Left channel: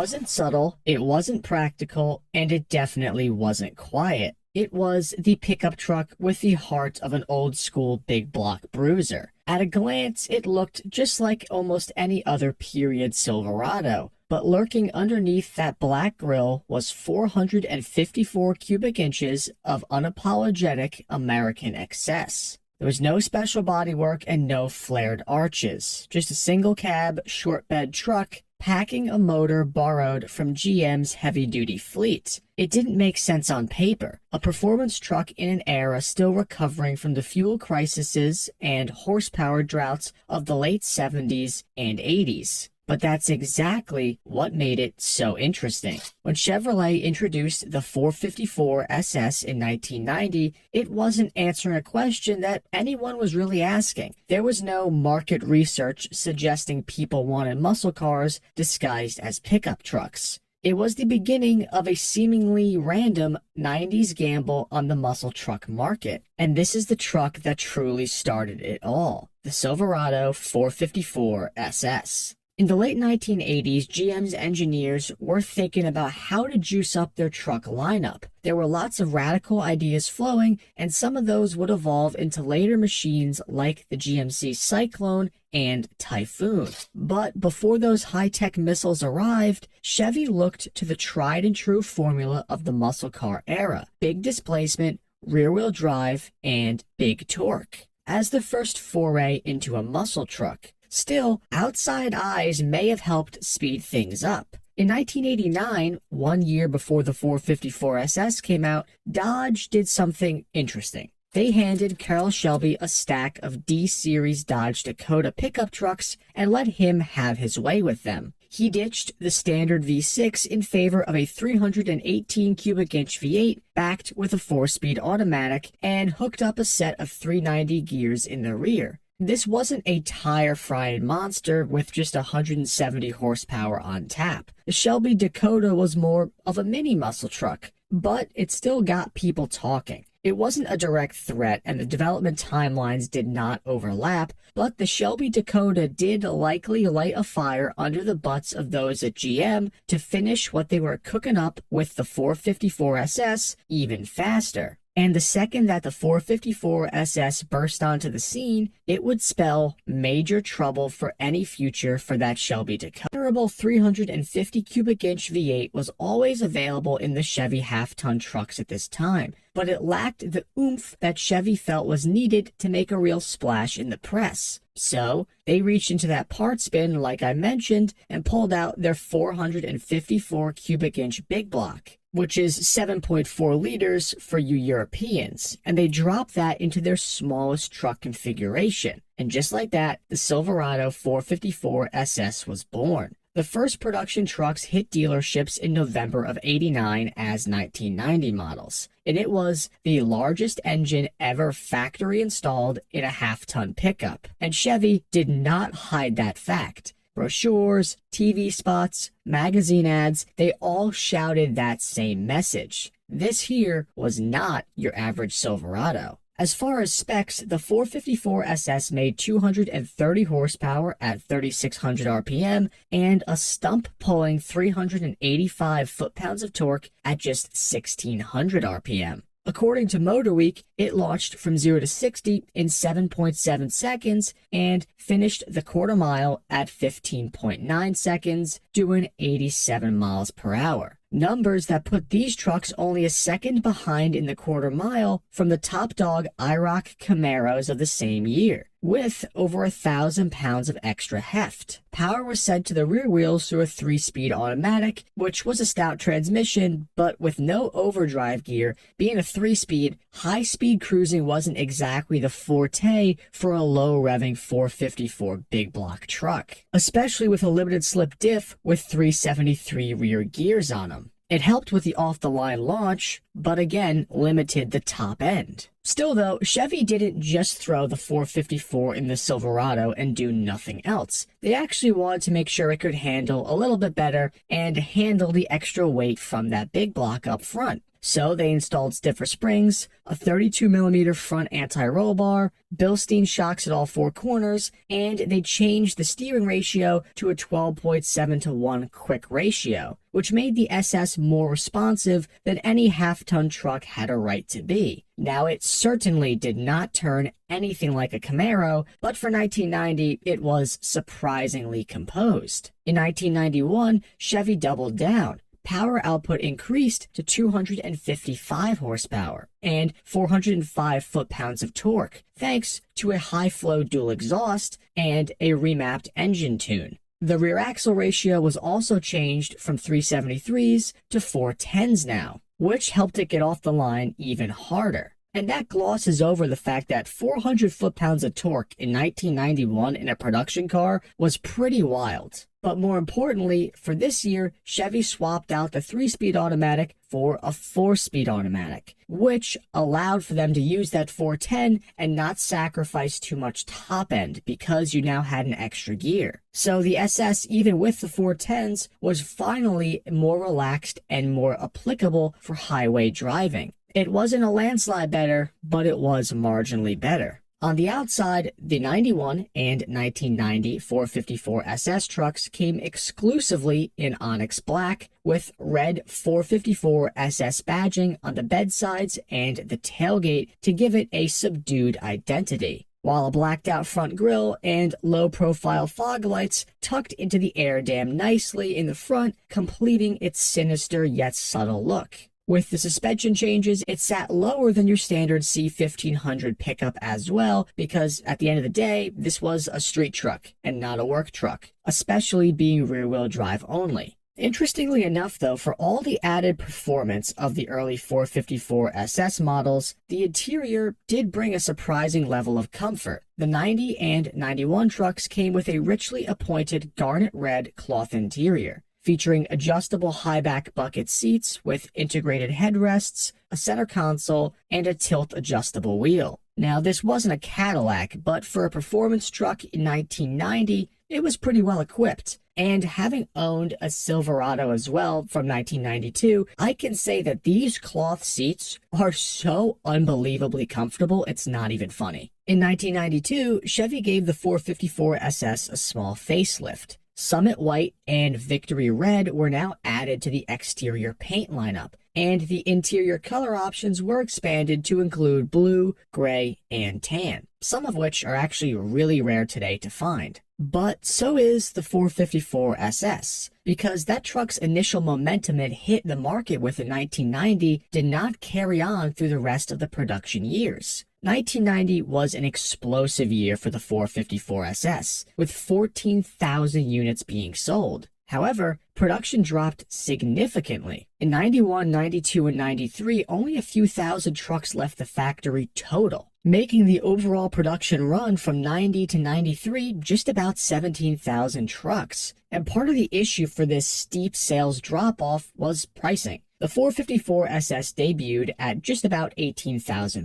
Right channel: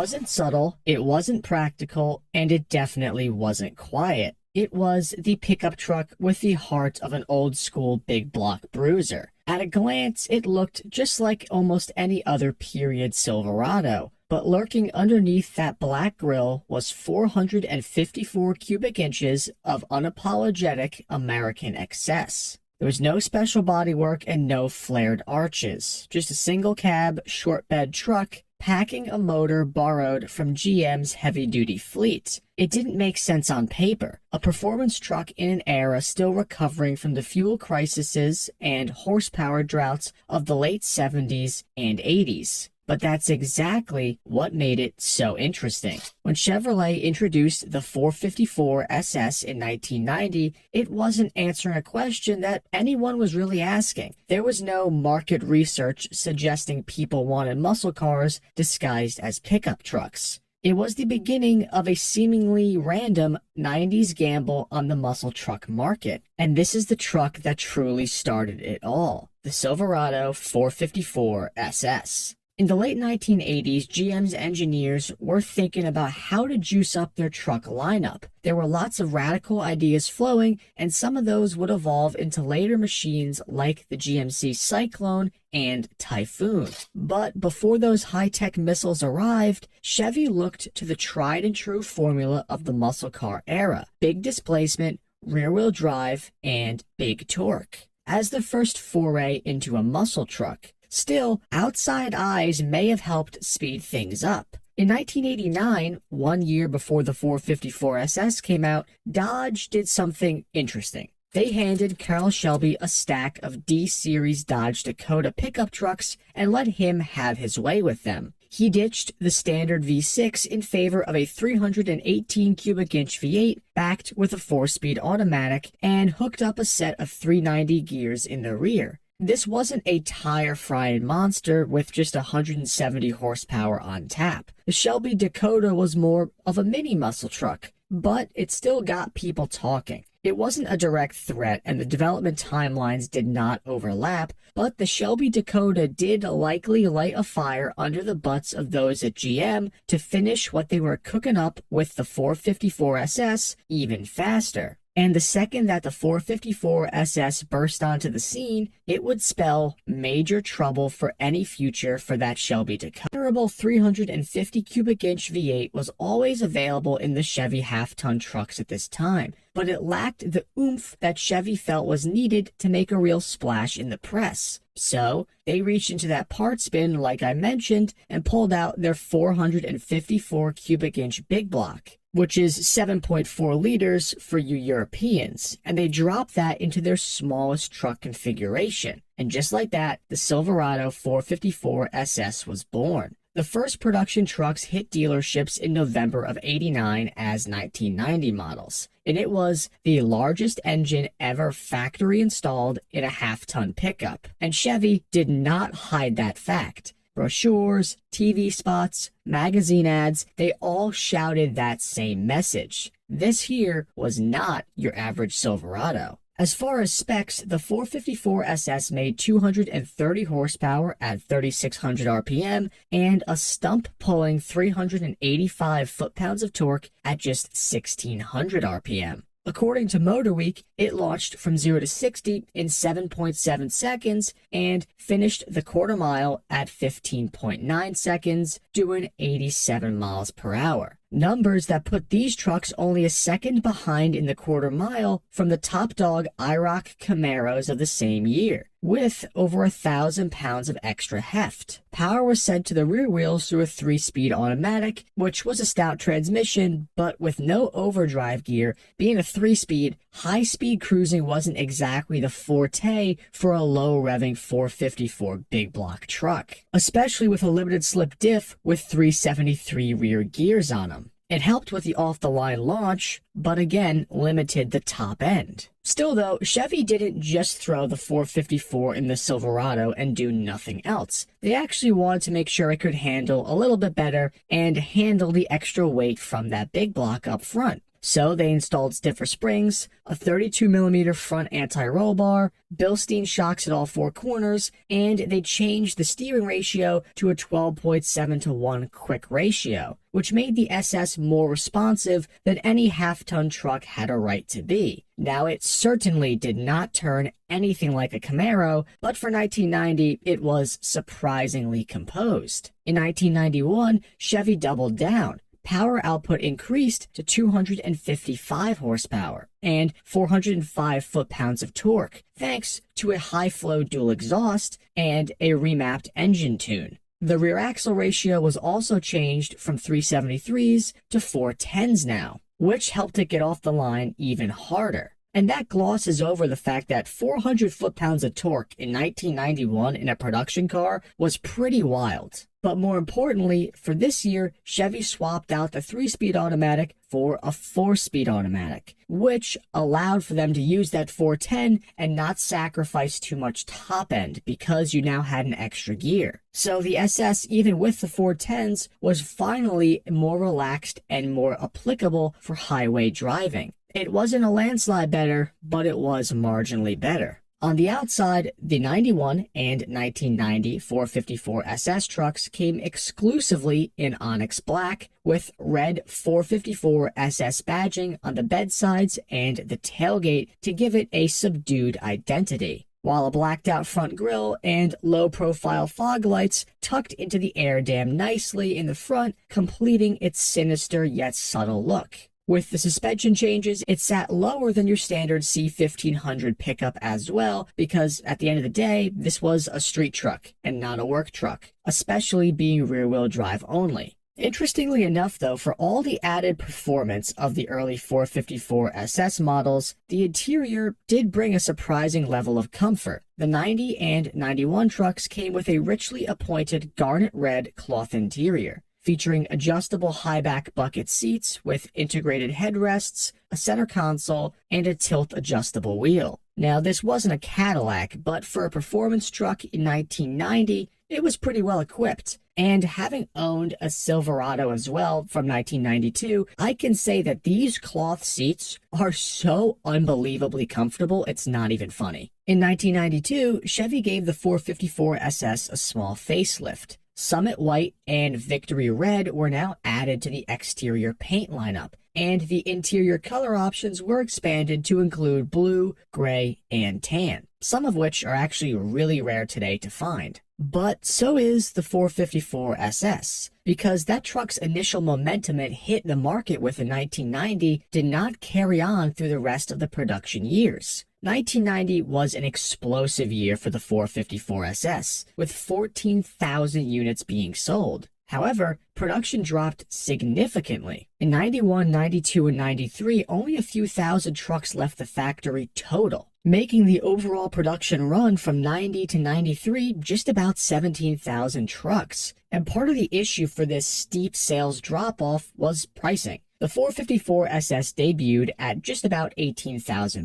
wasn't subtle, it wasn't practical, and it definitely wasn't quiet. It was the pickup truck with the heart of an old-school big block bruiser. At a glance, it looked just like almost any other period Silverado, but lurking underneath that black grille was 454 cubic inches of unapologetic American excess. There was no special bodywork and no flared arches, just a single cab, short bed truck, packing a motor borrowed from GM's heavy-duty fleet. It didn't make sense on paper. A performance truck in an era still recovering from the fuel crises and horsepower droughts of the late 70s and 80s. But that's exactly what made it so interesting. When Chevrolet introduced the 454 SS in 1990, it wasn't answering a question that anyone was really asking. There was no market research suggesting people wanted muscle cars disguised as pickup trucks. It was the beginning of a seemingly random 90s gamble on the muscle truck market. And this is the truck that truly started it all, the Silverado 454 SS. In the late 1980s, GM's engineers were thinking about how to juice up their truck lineup. There were lots of radical ideas flowing, and some of those would evolve into later machines like the GMC Cyclone and Typhoon. But before those high-tech missiles arrived, Chevy looked to the tried-and-true formula of the muscle car era: big displacement, rear-wheel drive, and big torque as the first foray into a muscle truck. Still, outside eyes may have helped speed things up. In 1989, 1 year before the 454 SS came out, Dodge did something interesting. They handed Carroll Shelby a stack of D-Series Dodge Dakota pickup trucks and let him have his way with them. He ditched the standard V6 in favor of a 318 cubic inch V8 backed with a 4-speed automatic and hooked up a set of 390 gears in the rear. This wasn't a tire-frying monster with just 170 horsepower on tap. The Shelby Dakota was more of a mini muscle truck, but it still got people talking. It wasn't a direct threat, and the development timelines did not overlap, but the Shelby Dakota did likely light a fire under the butts of those at GM to finish what they were cooking up with the 454 SS even faster. And the second that the 454 SS burst onto the scene, it would spell major trouble for any future for that Shelby Dakota. The durable 350 cubic inch V8 was always available in the Chevy half-ton trucks at this time, but it lacked the oomph that Chevy felt was needed to make a real splash in the press. So they reached into that parts bin, like I mentioned, and pulled out their 454 cubic inch big block, which is 7.4 liters for you Europeans, and they dropped that into their smallest truck configuration. And just like that, the Silverado 454 SS was born. The first production trucks hit dealerships in November of '89 as 1990 models, and it was the largest engine ever factory installed in a half-ton pickup. And Chevy did not hide that fact. Brochures, TV spots, magazine ads, they all shouted that same message. This here was not your average Silverado. As far as specs, the 454 SS made 230 horsepower at 3,600 RPM and a stump-pulling 385 foot-pounds of torque at just 1,600 RPM. According to MotorWeek, it launched from 0 to 60 in 7.7 seconds and finished the quarter mile at 15.9 seconds, doing 87 miles per hour. Numbers that put these trucks only a second behind in the quarter mile from the top dog IROC Camaros of the same year, with over 1,000 pounds of extra heft. Power was sent to the rear wheels through a 3-speed automatic, which was a stout transmission, but with no overdrive gear. Being a 3-speed, high-speed cruising wasn't exactly the forte for a low-revving 454 big block truck, especially with a limited slip diff with 373 rear gears on them. It helped with the off-the-line launch, but again, limited the top end. Still though, Chevy didn't just throw the 454 in the Silverado and do nothing else. They actually wanted to make sure it could handle a little bit better and handle the extra weight from that big block up front. So they installed stiffer springs, a 32mm front anti-roll bar, Bilstein shocks at all four corners, and they changed the steering ratio to a 12.7-to-1 quick ratio, which made the SS more responsive than any half-ton truck had a right to be. Now, it certainly did not turn anything like a Camaro, but for 1990, it was surprisingly composed. In 1991, Chevy doubled down. Power output increased to 255 horsepower and 405 foot-pounds of torque, thanks to a high-flow dual exhaust and a remapped engine tune. The rear axle ratio was also changed from 373s to 410s now, which helped it get off the line even harder. And that glosses over the fact that 400 foot-pounds of torque in 1991 in a production car was pretty wild. But more importantly, for this year, Chevy swapped out the 3-speed automatic for a 4-speed automatic, which allowed for them to use that 410 and not sacrifice too much top end because you now had an extra gear. So the SS, even with the 410s, was finally more relaxed and more applicable for highway driving. It wasn't a landslide better, but it was marginally better. On the outside, the 91 and 1990 454 SS trucks came exclusively in onyx black with red 454 SS badging on the bedsides and the tailgate to give it a subdued identity, while a blacked out front grille and low-profile fog lights tucked into the air dam nicely in the front, completing its sinister yet subtle look. With the suspension changes, it sat lower than your standard C1500 pickup as well, because at the end of the day, this was a street truck and not a work truck, especially being rear-wheel drive only. Interestingly enough, though, for all the added performance of the early 454 SS models, the interior did bring a surprising level of comfort. The 90 and 91 trucks came with a richly appointed garnet red cloth interior, featuring adjustable high-back bucket seats with integrated headrests, a center console, and a tilt-adjustable wheel. Now, this wasn't a Cadillac, but for a performance truck in 1990, it was pretty well equipped. And having owned a Silverado as well from 1992, I can say that these cloth seats are so unbelievably comfortable, it's not even funny. In 1992, Chevy gave the 454 SS a small facelift. Summit White and Victory Red were now added to the exterior paint lineup, and the interior color options were expanded to include blue, gray, and tan, some of which are actually really rare today to find. But so is the 454 SS, because that truck's initial momentum it hit the market with in 1990 did not carry on through the rest of the production years. 1990 was an explosive year for the 454 SS, with 14,000 units being sold. However, production dropped significantly. In 91, 92, and 93, only a few thousand trucks left the factory total, making the overall production run from 90 to 93 just about 17,000 trucks. And part of the issue for this steep sales drop-off was pricing. The 454 SS debuted at just about $18,000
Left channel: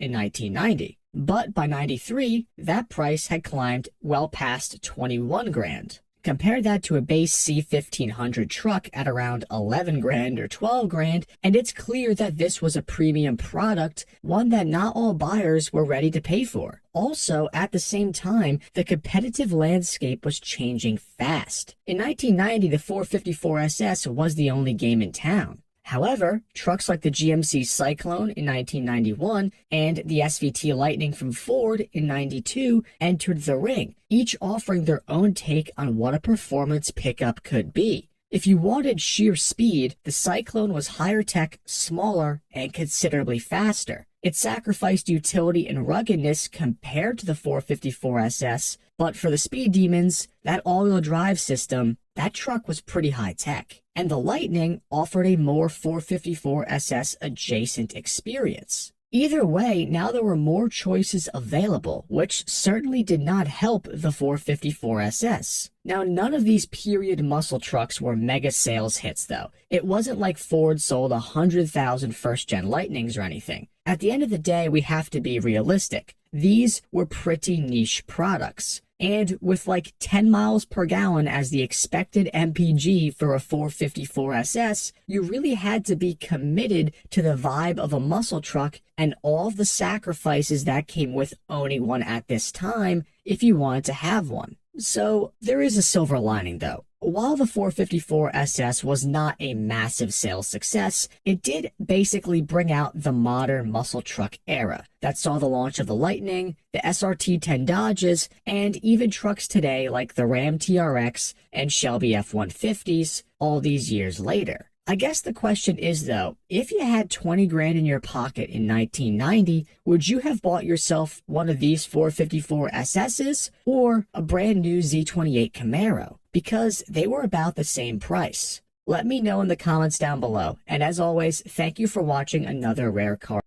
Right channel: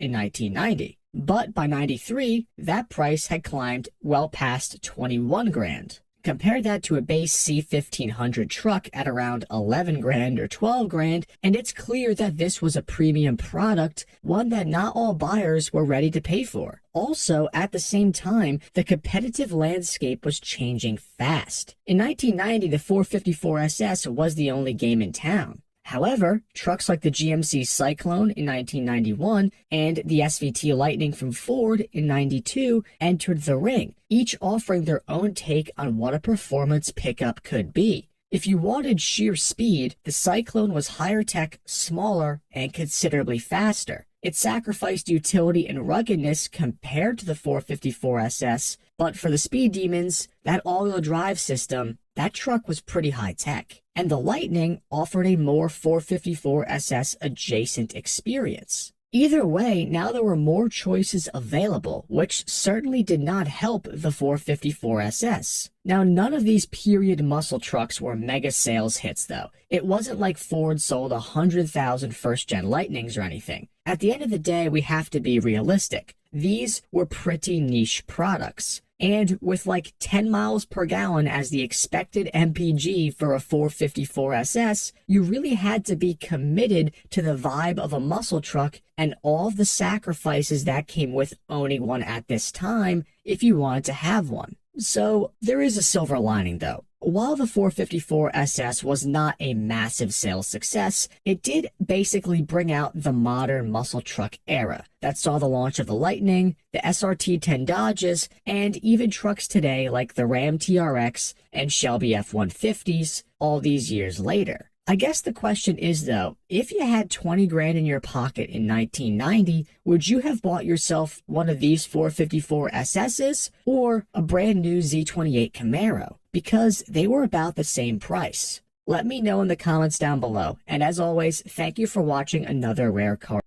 in 1990, but by 93, that price had climbed well past $21,000. Compare that to a base C1500 truck at around $11,000 or $12,000, and it's clear that this was a premium product, one that not all buyers were ready to pay for. Also, at the same time, the competitive landscape was changing fast. In 1990, the 454 SS was the only game in town. However, trucks like the GMC Cyclone in 1991 and the SVT Lightning from Ford in 92 entered the ring, each offering their own take on what a performance pickup could be. If you wanted sheer speed, the Cyclone was higher tech, smaller, and considerably faster. It sacrificed utility and ruggedness compared to the 454 SS, but for the speed demons, that all-wheel drive system, that truck was pretty high tech. And the Lightning offered a more 454 SS adjacent experience. Either way, now there were more choices available, which certainly did not help the 454 SS. Now, none of these period muscle trucks were mega sales hits, though. It wasn't like Ford sold 100,000 first-gen Lightnings or anything. At the end of the day, we have to be realistic. These were pretty niche products. And with like 10 miles per gallon as the expected MPG for a 454 SS, you really had to be committed to the vibe of a muscle truck and all of the sacrifices that came with owning one at this time if you wanted to have one. So there is a silver lining though. While the 454 SS was not a massive sales success, it did basically bring out the modern muscle truck era that saw the launch of the Lightning, the SRT-10 Dodges, and even trucks today like the Ram TRX and Shelby F-150s all these years later. I guess the question is though, if you had 20 grand in your pocket in 1990, would you have bought yourself one of these 454 SS's or a brand new Z28 Camaro? Because they were about the same price. Let me know in the comments down below. And as always, thank you for watching another Rare Car.